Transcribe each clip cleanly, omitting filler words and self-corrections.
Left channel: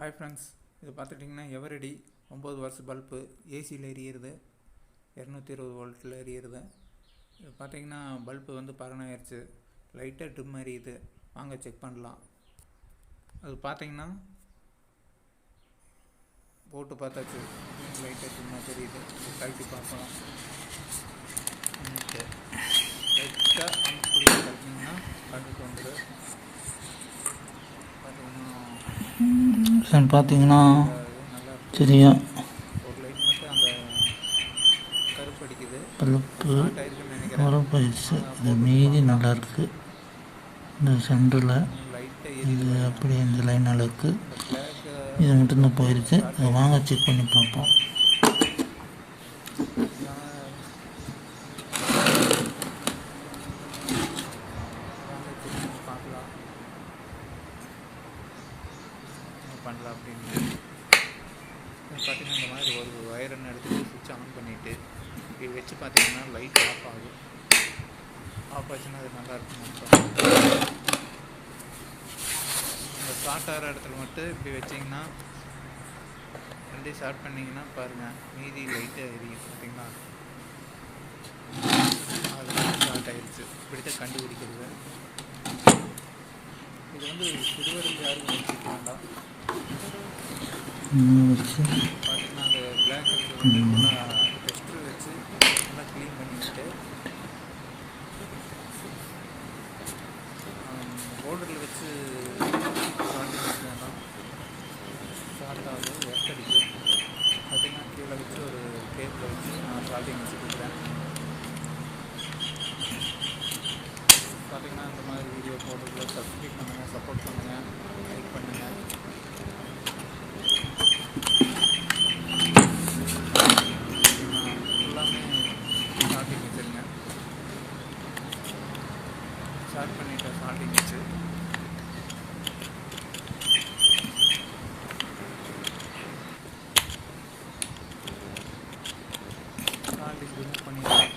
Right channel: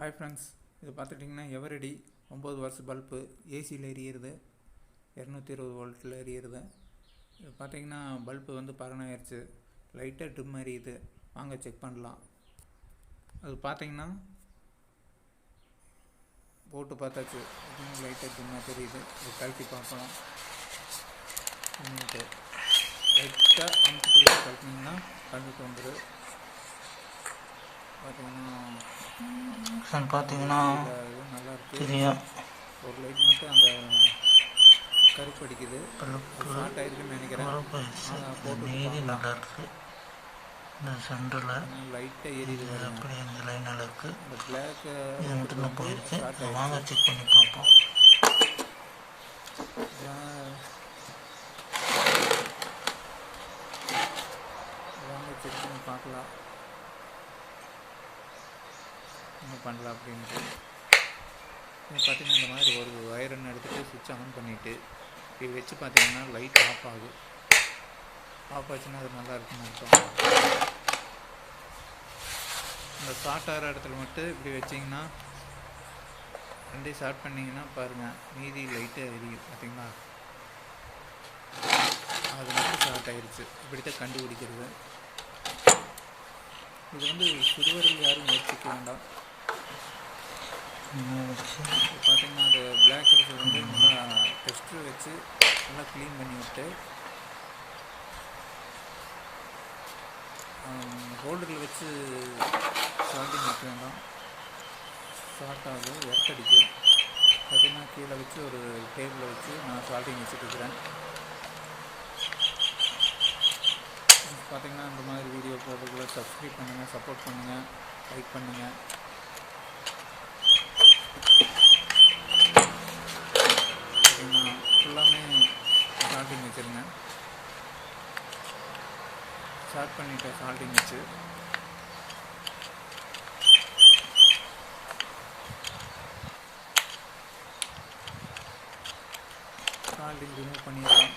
Hi friends, இது பார்த்துட்டிங்கன்னா எவரடி 9 வருஷ பல்பு ஏசியில் எரியிறது, 220 வோல்ட்டில் எரியிறது. இது பார்த்திங்கன்னா பல்பு வந்து பறனாயிருச்சு, லைட்டாக ட்ரிம் எரியுது. வாங்க செக் பண்ணலாம். அது பார்த்திங்கன்னா போட்டு பார்த்தாச்சு, லைட்டாக ட்ரிம்மாக தெரியுது. இது கழட்டி பார்க்கலாம். லைட்டாக அமுக்கி கழட்டினீங்கன்னா கண்டுட்டு வந்துடும். பார்த்தீங்கன்னா நல்லா தெரியும். ஒரு லைட் மட்டும் அந்த கருப்பு அடிக்குது, ஷார்ட் ஆயிருக்குன்னு நினைக்கிறேன். மீதி நல்லா இருக்குது. இந்த சென்டரில் லைட்டாக இது எரியுது. அப்படி இந்த லைன் இருக்குது. பிளாக் இது மட்டும்தான் போயிருக்கு. அதை வாங்க செக் பண்ணி பார்ப்போம். வாங்க செக் பண்ணி பார்க்கலாம் என்ன பண்ணலாம் அப்படின்ட்டு. பார்த்தீங்கன்னா இந்த மாதிரி ஒரு வயரன் எடுத்துகிட்டு சுவிட்ச் ஆன் பண்ணிவிட்டு இப்படி வச்சு பார்த்தீங்கன்னா லைட் ஆஃப் ஆகும். ஆஃப் ஆச்சுன்னா அது நல்லா இருக்குன்னு அர்த்தம். இந்த ஷார்ட் ஆகிற இடத்துல மட்டும் இப்படி வச்சிங்கன்னா, ரெண்டையும் ஷார்ட் பண்ணிங்கன்னா பாருங்கள், மீதி லைட்டாக எரியும். பார்த்தீங்களா, அது ஷார்ட் ஆகிடுச்சு. இப்படி தான் கண்டுபிடிக்கிறது. இது வந்து சிறுவர்கள் யாரும் முயற்சிக்க வேண்டாம். பார்த்தீங்கன்னா அந்த பிளாக் கலர் வந்து நல்லா டெஸ்டர் வச்சு நல்லா க்ளீன் பண்ணி விட்டு ஹோல்டரில் வச்சு ஷார்ட்டிங் வைக்க வேண்டாம். ஷார்ட் ஆகுது, எர்த்தடிக்கும். பார்த்தீங்கன்னா கீழே வச்சு ஒரு டேபிளில் வச்சு நான் ஷார்ட்டிங் வச்சுட்டுருக்கிறேன். பார்த்தீங்கன்னா இந்த மாதிரி வீடியோ போடுறதுல சப்ஸ்கிரைப் பண்ணுங்கள், சப்போர்ட் பண்ணுங்கள், லைக் பண்ணுங்கள். ஃபுல்லாமே ஷார்ட்டிங் வச்சுருங்க. ஷார்ட் பண்ணிவிட்டேன் ஷார்ட்டிங் வச்சு. ஷார்ட்டிங் ரிமூவ் பண்ணிடலாம்.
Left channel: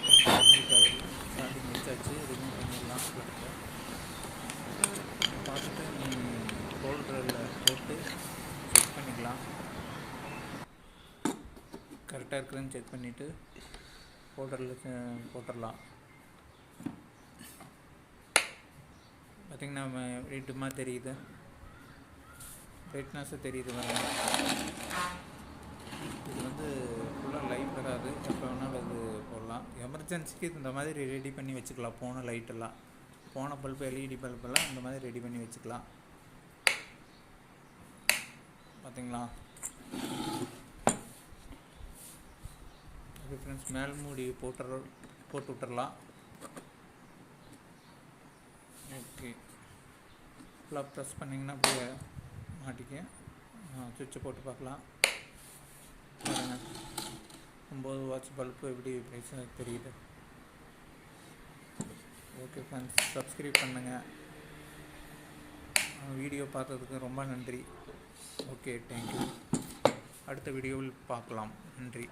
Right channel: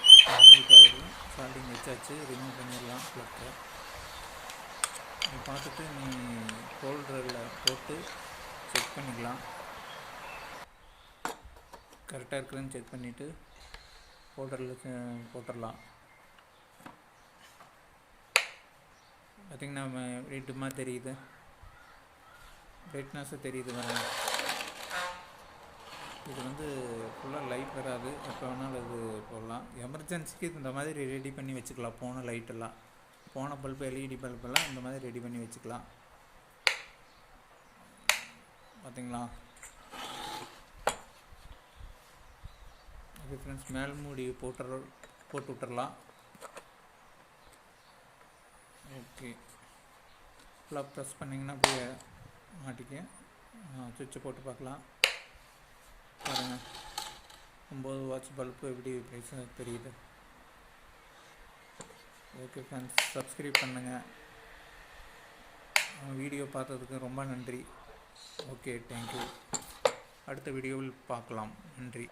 ஷார்ட்டிங் வச்சாச்சு, ரிமூவ் பண்ணிடலாம் ப்ளக்கை. நீ பார்த்துட்டு நீ ஹோல்டரில் போட்டு செக் பண்ணிக்கலாம். கரெக்டாக இருக்குதுன்னு செக் பண்ணிவிட்டு ஹோல்டரில் போட்டுடலாம். பார்த்திங்கன்னா டிம்மாக தெரியுது, பிரைட்னஸாக தெரியுது. வராது, இது வந்து ஃபுல்லாக லைட் வராது. எப்போ வேணாலும் அது போடலாம். எமர்ஜென்சிக்கு இந்த மாதிரி ரெடி பண்ணி வச்சுக்கலாம். போன லைட்டெல்லாம், போன பல்பு எல்இடி பல்பெல்லாம் இந்த மாதிரி ரெடி பண்ணி வச்சுக்கலாம். பார்த்திங்களா, ஓகே ஃப்ரெண்ட்ஸ், மேல் மூடி போட்டு விட்டுறலாம். ஓகே, ஃபுல்லாக ப்ரெஸ் பண்ணிங்கன்னா அப்படியே மாட்டிக்க. சுவிட்சை போட்டு பார்க்கலாம். பாருங்கள், 9 வாட்ஸ் பல்பு எப்படி ப்ரைஸாக தெரியுது. ஓகே ஃப்ரெண்ட்ஸ், சப்ஸ்கிரைப் பண்ணுங்கள். வீடியோ பார்த்ததுக்கு ரொம்ப நன்றி. Okay, thank you. அடுத்த வீடியோவில் பார்க்கலாம். நன்றி.